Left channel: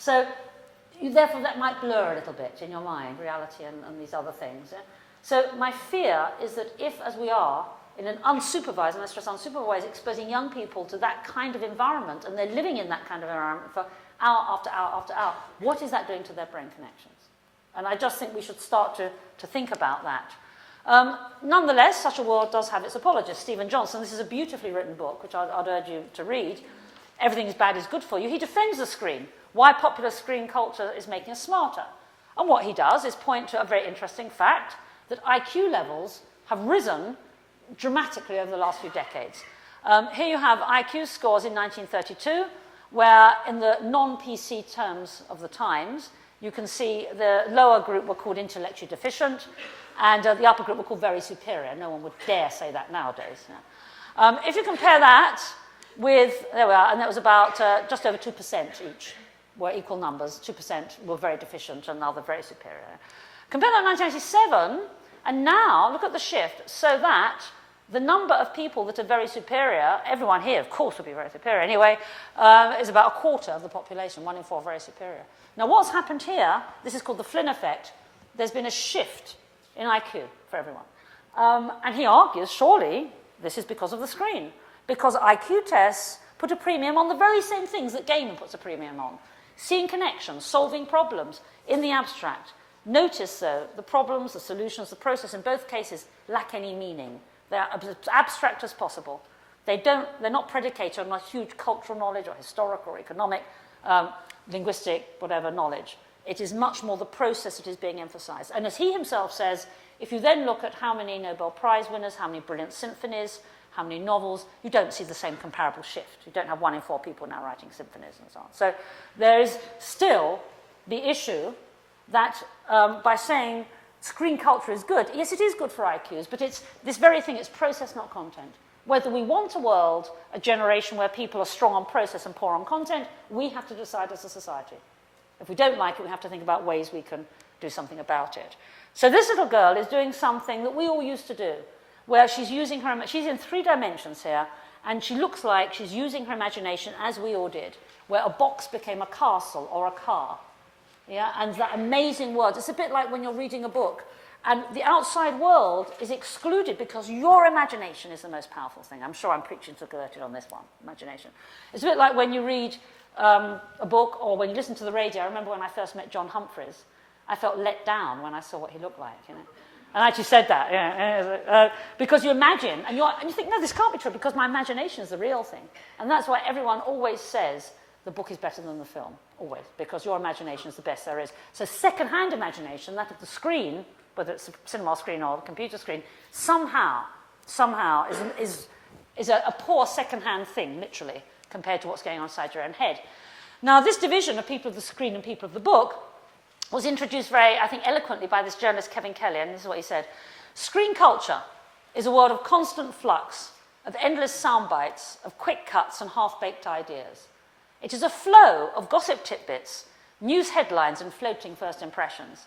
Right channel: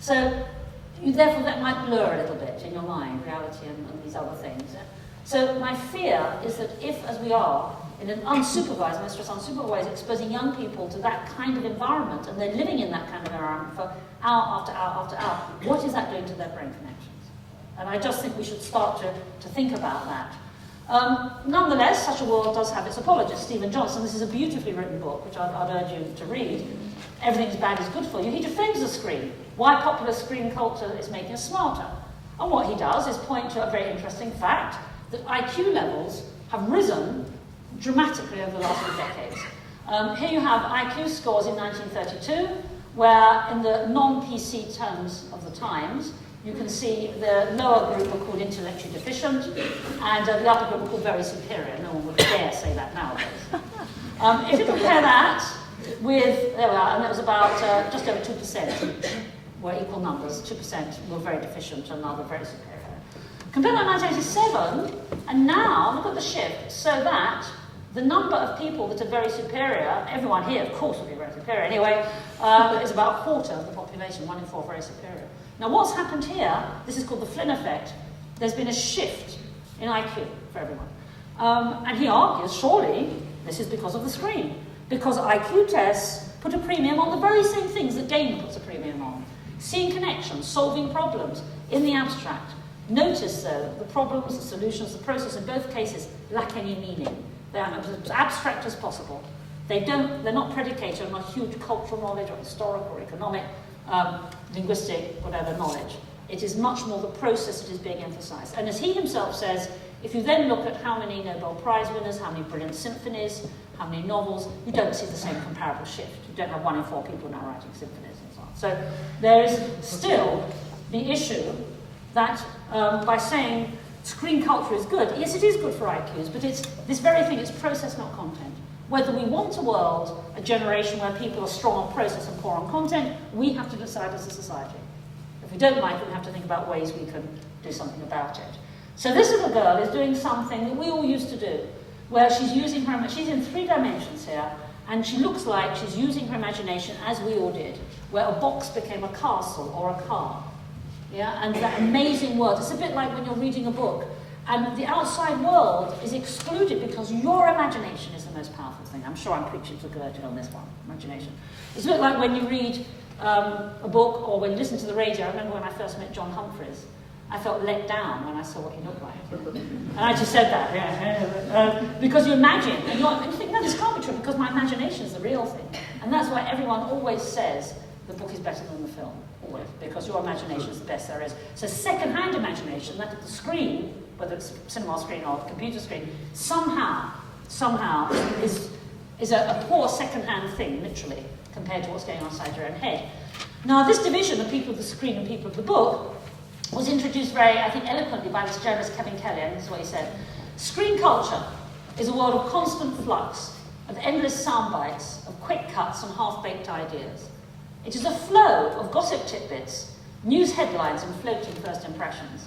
So therefore that might blur a little bit in your mind, reality and these other things. So my fear is that if, as we are, in an unsupervised, and I stress unsupervised, exposing young people to that kind of environment, and they're living in that kind of environment for hour after hour after hour, what is that doing to their brain connections? And I just think we should start to think about that. Nonetheless, Such a World does have its apologists. Stephen Johnson, this is a beautifully written book, which I'd urge you to read. Everything is bad is good for you. He defends the screen. Why popular screen culture is making us smarter. And what he does is point to a very interesting fact, that IQ levels have risen dramatically over the last few decades. Here you have IQ scores in 1932, where in the non-PC terms of the Times, you can see the lower group were called intellectually deficient, and the upper group were called very superior. No one would dare say that nowadays. If you compare that with, there we are, and that was about just over 2% were equal numbers. 2% were very deficient and other very superior. Compare that to 1987, and now look at the shift, so that the number of people that are very superior, everyone here, of course, will be very superior anyway, but it's about a quarter of the population, 1 in 4 very superior. Now, what's happened here, this is called the Flynn effect, there's been a shift in IQ for everyone. And he argues, surely, this is because of the screen, because IQ tests put a premium on the very same things that gaming puts a premium on. Seeing connections, solving problems in the abstract. Notice, though, the problems, the solutions, the process in both cases lack any meaning. They are as abstract as possible. They're not predicated on a huge cultural knowledge or historical or economic, linguistic, whatever knowledge. It is much more the process that is being emphasized. And as he himself says, if you then look at how many Nobel Prize winners, how many brilliant symphonies, how many novels, you don't see the same comparable shift. You don't have 1 in 4 people now writing symphonies and so on. So there is still the issue that by saying screen culture is good, yes, it is good for IQs, but it's this very thing, it's process, not content. Whether we want a world, a generation where people are strong on process and poor on content, we have to decide as a society. If we don't like it, we have to think about ways we can do something about it. So this little girl is doing something that we all used to do, where she's using her, she's in 3 dimensions here, and she looks like she's using her imagination as we all did, where a box became a castle or a car. Yeah, and that amazing world. It's a bit like when you're reading a book, and the outside world is excluded because your imagination is the most powerful thing. I'm sure I'm preaching to Gertie on this one, imagination. It's a bit like when you read a book or when you listen to the radio. I remember when I first met John Humphreys. I felt let down when I saw what he looked like. And I actually said that, because you imagine, and you think, no, this can't be true, because my imagination is the real thing. And that's why everyone always says the book is better than the film, always, because your imagination is the best there is. So second-hand imagination, that is the screen, whether it's a cinema screen or a computer screen, somehow is a poor second-hand thing, literally, compared to what's going on inside your own head. Now, this division of people of the screen and people of the book was introduced very, I think, eloquently by this journalist Kevin Kelly, and this is what he said. Screen culture is a world of constant flux, of endless sound bites, of quick cuts and half-baked ideas. It is a flow of gossip tidbits, news headlines and floating first impressions.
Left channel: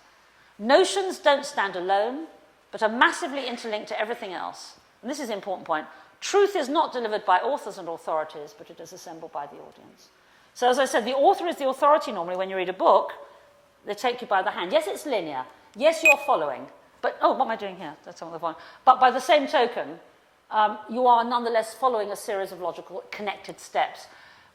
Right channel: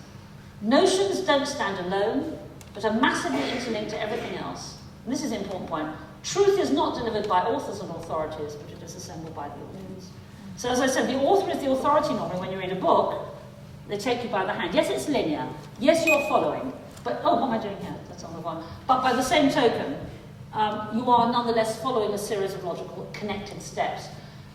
Notions don't stand alone, but are massively interlinked to everything else. And this is an important point. Truth is not delivered by authors and authorities, but it is assembled by the audience. So as I said, the author is the authority normally when you read a book. They take you by the hand. Yes, it's linear. Yes, you're following. But, oh, what am I doing here? That's not the one. But by the same token, you are nonetheless following a series of logical connected steps.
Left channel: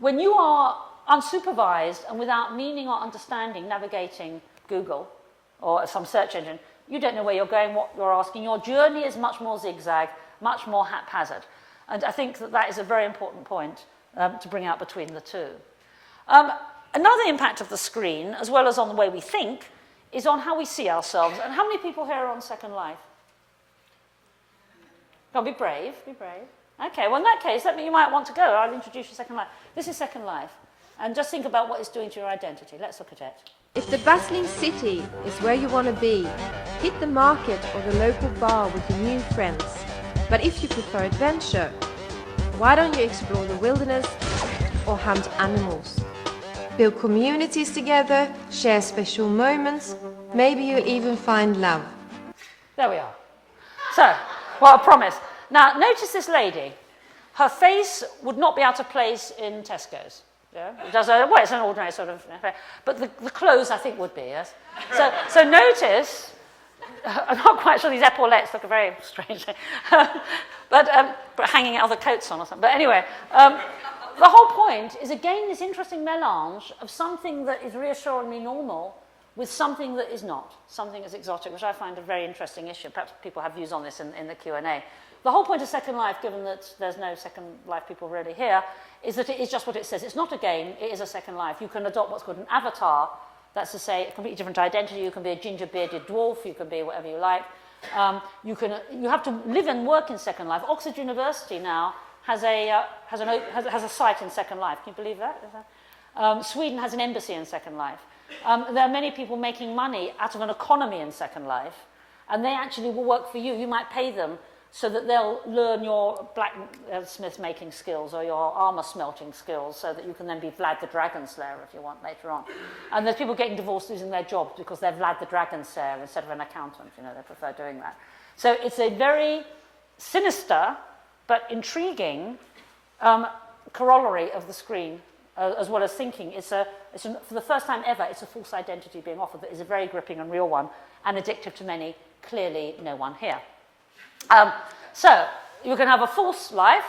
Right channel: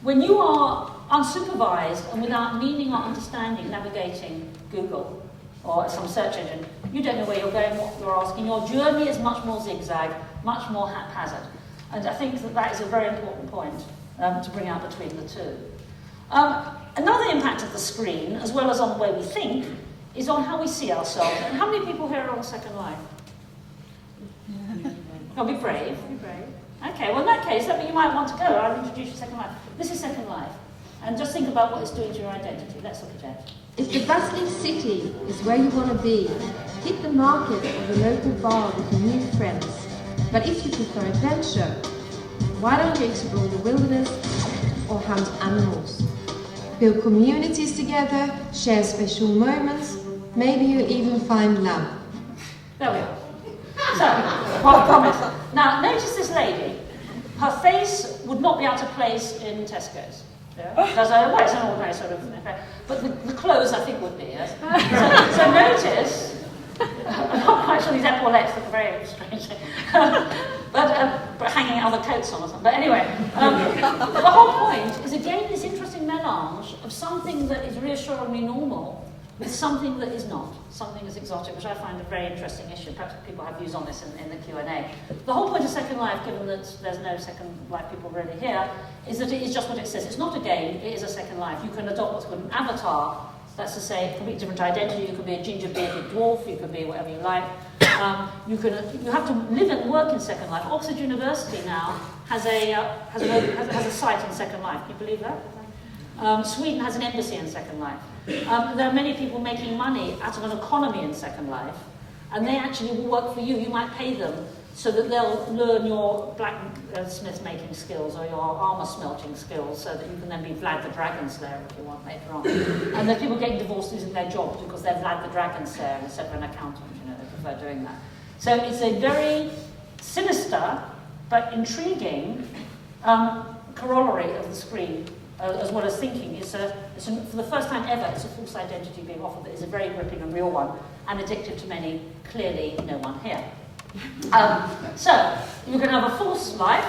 When you are unsupervised and without meaning or understanding navigating Google or some search engine, you don't know where you're going, what you're asking. Your journey is much more zigzag, much more haphazard. And I think that that is a very important point to bring out between the two. Another impact of the screen, as well as on the way we think, is on how we see ourselves. And how many people here are on Second Life? Oh, be brave. Be brave. Okay, well in that case, you might want to go. I'll introduce you to Second Life. This is Second Life. And just think about what it's doing to your identity. Let's look at it. If the bustling city is where you want to be, hit the market or the local bar with your new friends. But if you prefer adventure, why don't you explore the wilderness or hunt animals? Build communities together, share special moments, maybe you even find love. There we are. So, well, I promise. Now, notice this lady. Her face would not be able to place in Tesco's. Yeah? Well, it's an ordinary sort of effect. But the clothes, I think, would be, yes? So notice, I'm not quite sure these epaulettes look very strange. but hanging other coats on or something. But anyway, the whole point is, again, this interesting melange of something that is reassuringly normal with something that is not, something is exotic, which I find a very interesting issue. Perhaps people have views on this in the Q&A. The whole point of Second Life, given that there's no Second Life people really here, is that it is just what it says. It's not a game, it is a Second Life. You can adopt what's called an avatar. That's to say, a completely different identity. You can be a ginger-bearded dwarf, you can be whatever you like. You have to live and work in Second Life. Oxford University now has a site in Second Life. Can you believe that? Sweden has an embassy in Second Life. There are many people making money out of an economy in Second Life, and they actually will work for you. You might pay them so that they'll learn your blacksmith making skills or your armour smelting skills, so that you can then be Vlad the Dragon Slayer if you want later on. And there's people getting divorced losing their jobs because they're Vlad the Dragon Slayer instead of an accountant. They prefer doing that. So it's a very sinister but intriguing corollary of the screen. As well as thinking, for the first time ever, it's a false identity being offered that is a very gripping and real one, and addictive to many, clearly no one here. So, you can have a false life.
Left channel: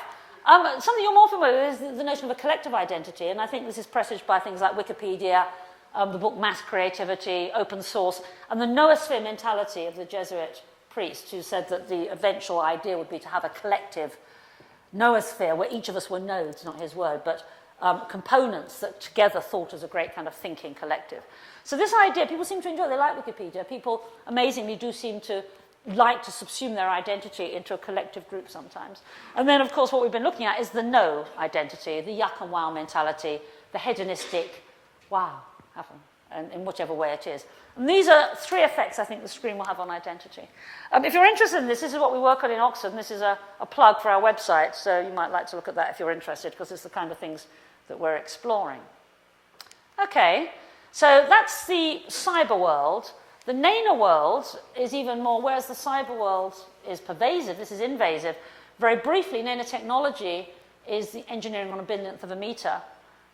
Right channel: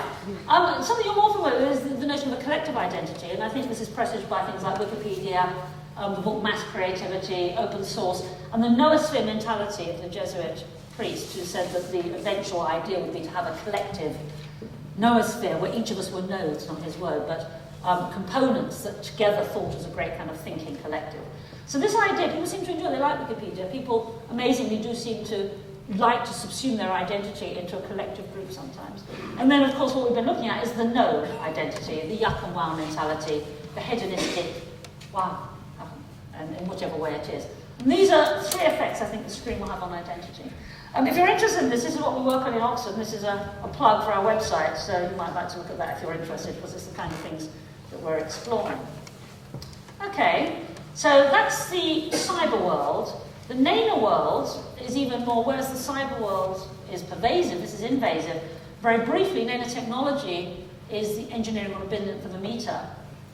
Something you're more familiar with is the notion of a collective identity, and I think this is presaged by things like Wikipedia, the book Mass Creativity, Open Source, and the noosphere mentality of the Jesuit priest who said that the eventual idea would be to have a collective noosphere where each of us were nodes, not his word, but components that together thought as a great kind of thinking collective. So this idea, people seem to enjoy, they like Wikipedia. People, amazingly, do seem to like to subsume their identity into a collective group sometimes. And then, of course, what we've been looking at is the node identity, the yuck and wow mentality, the hedonistic wow, and in whichever way it is. And these are three effects I think the screen will have on identity. If you're interested in this is what we work on in Oxford, and this is a plug for our website, so you might like to look at that if you're interested, because it's the kind of things that we're exploring. Okay, so that's the cyber world. The nano world is even more, whereas the cyber world is pervasive, this is invasive. Very briefly, nanotechnology is the engineering on a billion for the meter,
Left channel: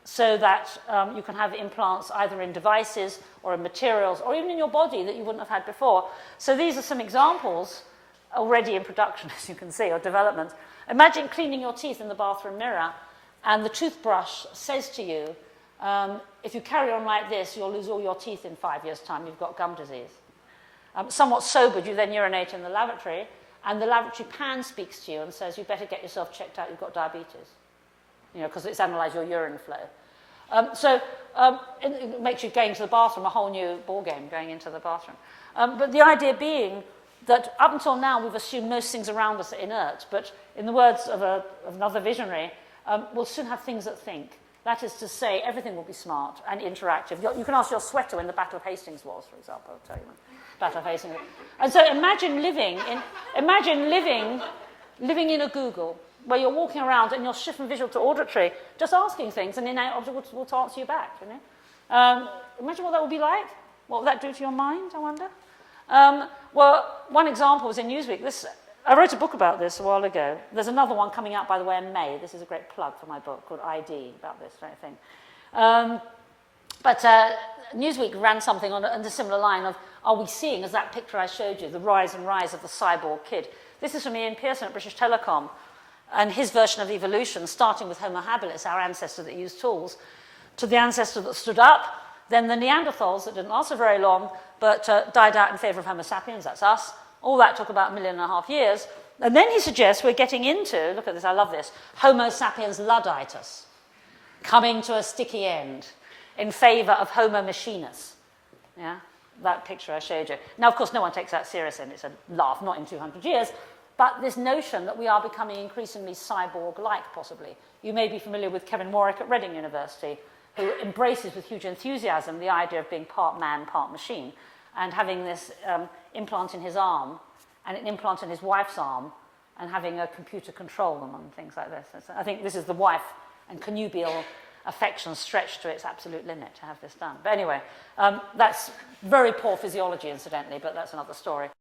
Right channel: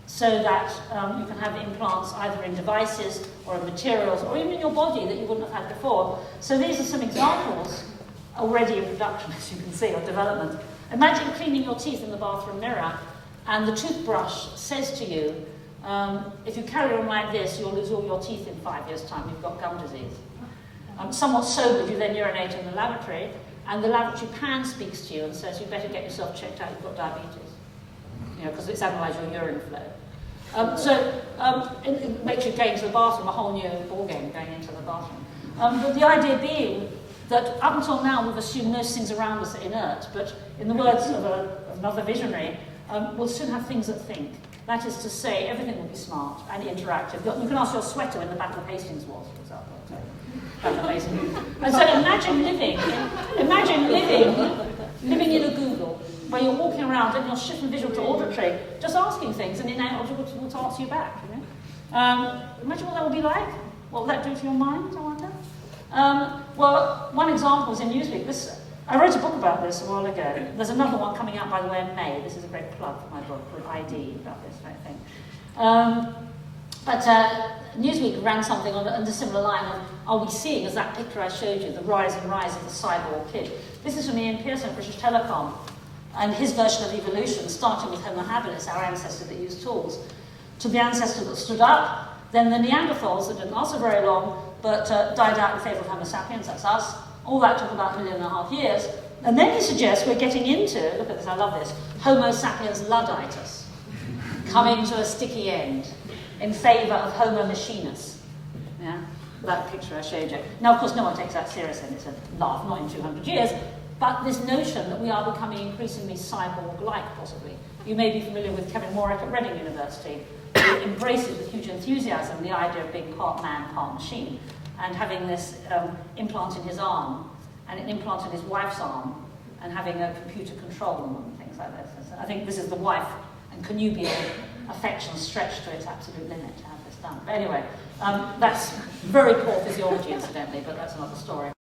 so that you can have implants either in devices or in materials or even in your body that you wouldn't have had before. So these are some examples already in production, as you can see, of development. Imagine cleaning your teeth in the bathroom mirror and the toothbrush says to you, if you carry on like this, you'll lose all your teeth in 5 years' time, you've got gum disease. Somewhat sobered, you then urinate in the lavatory, and the lavatory pan speaks to you and says, you better get yourself checked out, you've got diabetes. Because it's analysed your urine flow. It makes you go into the bathroom, a whole new ballgame going into the bathroom. But the idea being that up until now we've assumed most things around us are inert, but in the words of another visionary, we'll soon have things that think. That is to say, everything will be smart and interactive. You can ask your sweater when the Battle of Hastings was, for example. Battle of Hastings. And so imagine living in a Google, where you're walking around and you're shifting visual to auditory, just asking things, and innate object will answer you back. Imagine what that would be like. What will that do to your mind, I wonder? Well, one example was in Newsweek. I wrote a book about this a while ago. There's another one coming out, by the way, in May. This is a great plug for my book called ID, about this very thing. But Newsweek ran something on the similar line of, are we seeing, as that picture I showed you, the rise and rise of the cyborg kid? This is from Ian Pearson at British Telecom, and his version of evolution, starting with Homo habilis, our ancestor that used tools, to the ancestor that stood up, then the Neanderthals that didn't last so very long, but died out in favour of Homo sapiens, that's us. All that took about 1.5 million years. And then he suggests we're getting into, look at this, I love this, Homo sapiens Ludditus, coming to a sticky end in favour of Homo machinus. Yeah, that picture I showed you. Now, of course, no one takes that seriously, and it's a laugh, not in 200 years, but this notion that we are becoming increasingly cyborg-like, possibly. You may be familiar with Kevin Warwick at Reading University, who embraces with huge enthusiasm the idea of being part man, part machine, and having this implant in his arm, and an implant in his wife's arm, and having a computer control them and things like this. I think this is the wife and connubial affection stretched to its absolute limit to have this done. But anyway, that's very poor physiology, incidentally, but that's another story.